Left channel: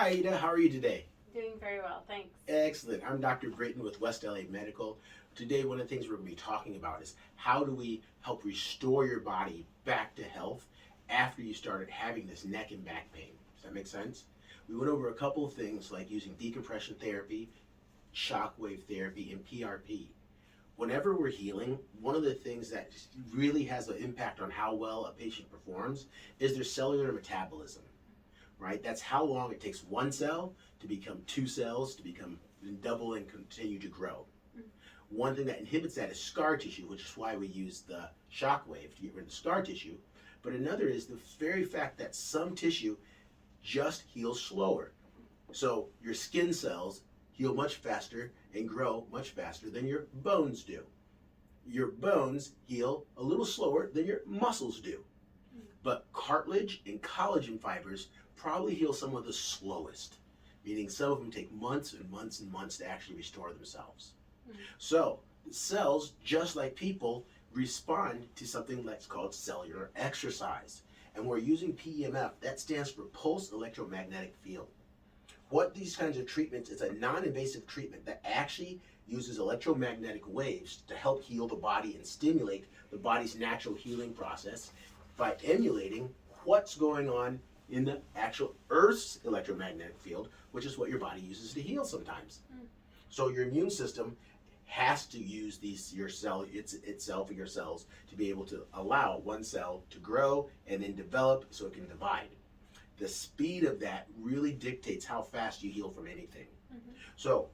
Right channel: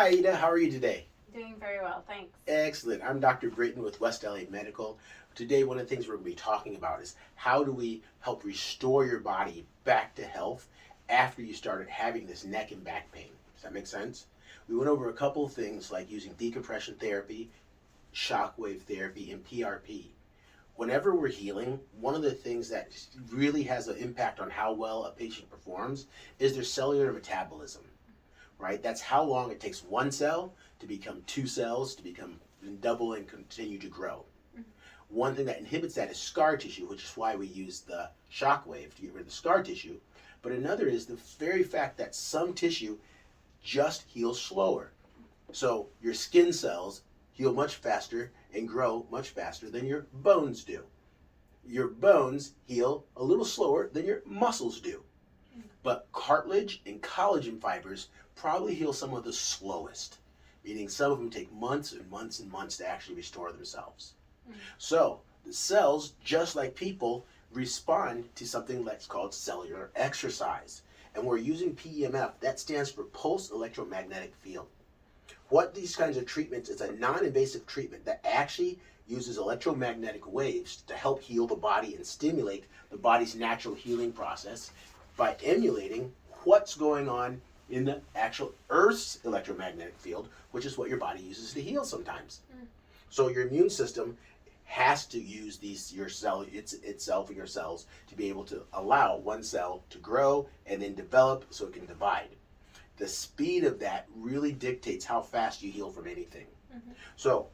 Hi, Aida. How are you today? Doing very well, thanks. Excellent. I'm Dr. Britton with West LA Medical. Today, one of the things we're going to be talking about is how do we help restore your body back to health after you started having this neck and back pain. Does that make sense? We went over a couple of things like using decompression therapy, shockwave therapy, and PRP. Whenever we're healing, one of the things that really has an impact on how well a patient performs is their cellular metabolism. Right? That's how long it takes one cell to become two cells, to become double and continue to grow. One thing that inhibits that is scar tissue, which is why we use the shock wave to get rid of the scar tissue. But another is the very fact that some tissue just heals slower. So your skin cells heal much faster and grow much faster than your bones do. Your bones heal a little slower than your muscles do. But cartilage and collagen fibers probably heal some of the slowest, meaning some of them take months and months and months to actually restore themselves. So the cells, just like people, respond to something that's called cellular exercise. And we're using PEMF, that stands for Pulsed Electromagnetic Field. What these kinds of treatments, it's a non-invasive treatment that actually uses electromagnetic waves to help heal the body and stimulate the body's natural healing process by emulating what's going on in the actual Earth's electromagnetic field, which is what your body uses to heal sometimes. So your immune system has to use your cells to be able to allow one cell to grow and then develop so it can divide. The speed of that really dictates how fast you heal from anything. So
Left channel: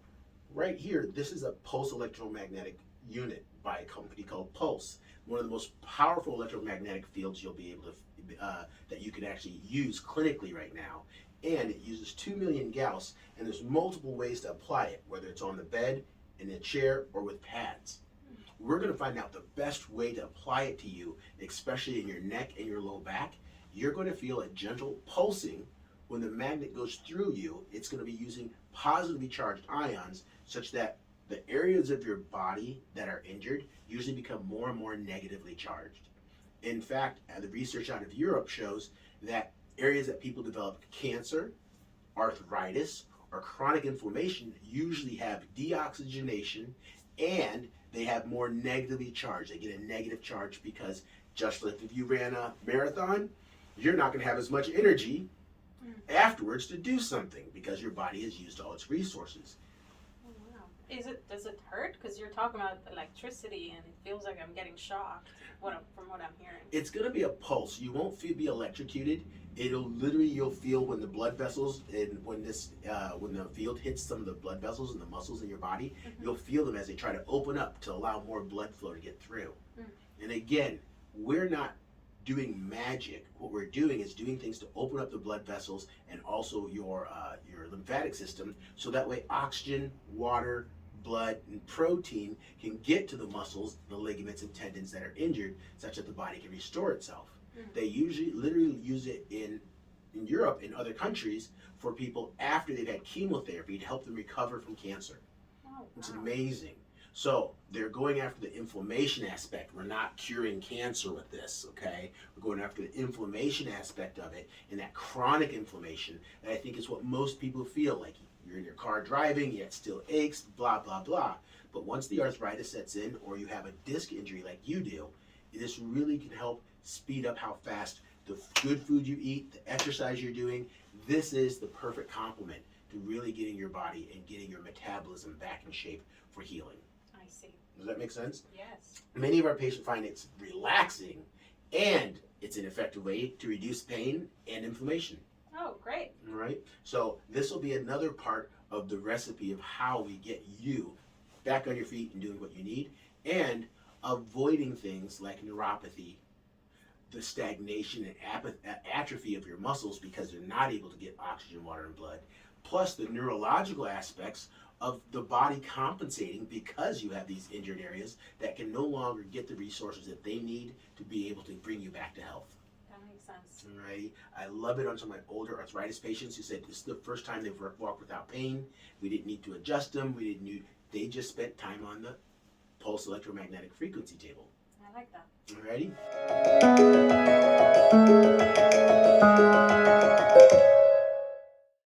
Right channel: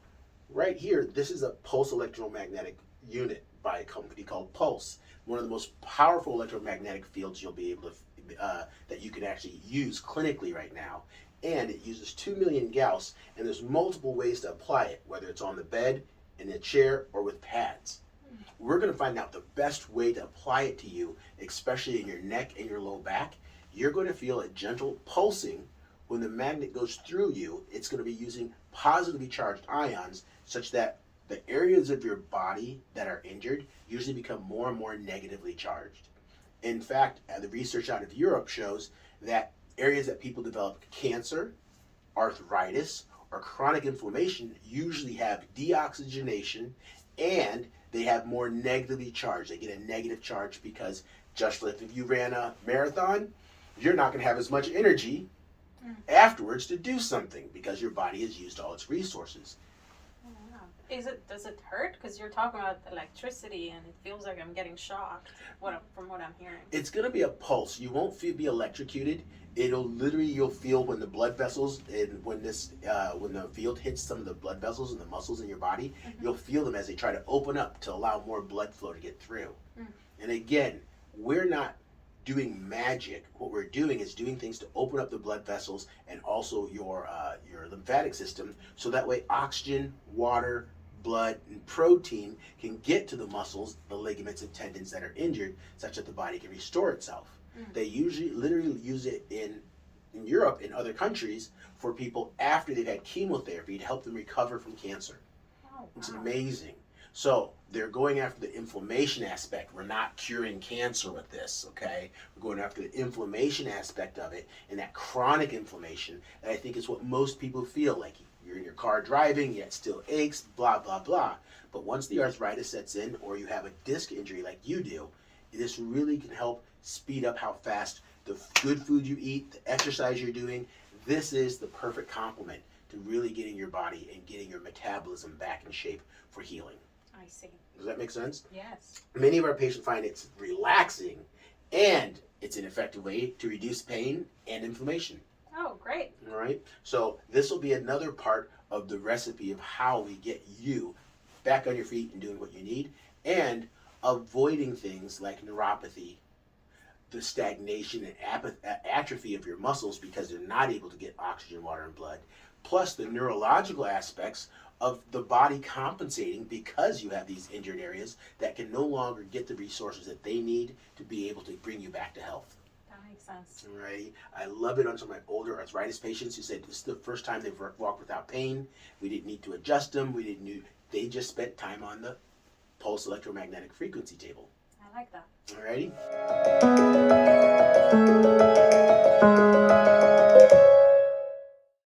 right here, this is a pulse electromagnetic unit by a company called Pulse, one of the most powerful electromagnetic fields you'll be able to that you can actually use clinically right now. And it uses 2 million Gauss, and there's multiple ways to apply it, whether it's on the bed, in a chair, or with pads. We're going to find out the best way to apply it to you, especially in your neck and your low back. You're going to feel a gentle pulsing. When the magnet goes through you, it's going to be using positively charged ions such that the areas of your body that are injured usually become more and more negatively charged. In fact, the research out of Europe shows that areas that people develop cancer, arthritis, or chronic inflammation usually have deoxygenation, and they have more negatively charged. They get a negative charge because just like if you ran a marathon, you're not going to have as much energy afterwards to do something because your body has used all its resources. Does it hurt? Because you're talking about electricity and it feels like I'm getting shocked from what I'm hearing. It's going to be a pulse. You won't be electrocuted. You'll feel when the blood vessels and when the field hits some of the blood vessels and the muscles in your body, you'll feel them as they try to open up to allow more blood flow to get through. And again, we're not doing magic. What we're doing is doing things to open up the blood vessels and also your lymphatic system, so that way oxygen, water, blood, and protein can get to the muscles, the ligaments, and tendons that are injured, such that the body can restore itself. They usually literally use it in Europe and other countries for people after they've had chemotherapy to help them recover from cancer. It's amazing. So they're going after the inflammation aspect. We're not curing cancer with this, okay? We're going after the inflammation aspect of it, and that chronic inflammation that I think is what most people feel like. You're in your car driving, yet still aches, blah, blah, blah. But once the arthritis sets in, or you have a disc injury like you do, this really can help speed up how fast the good food you eat, the exercise you're doing. This is the perfect complement to really getting your body and getting your metabolism back in shape for healing. I see. Does that make sense? Yes. Many of our patients find it's relaxing, and it's an effective way to reduce pain and inflammation. Oh, great. All right. So this will be another part of the recipe of how we get you back on your feet and doing what you need, and avoiding things like neuropathy, the stagnation and atrophy of your muscles because they're not able to get oxygen, water, and blood, plus the neurological aspects of the body compensating because you have these injured areas that can no longer get the resources that they need to be able to bring you back to health. That makes sense. All right. I love it on some of my older arthritis patients who said this is the first time they've walked without pain. We didn't need to adjust them. They just spent time on the pulse electromagnetic frequency table. I like that. All righty.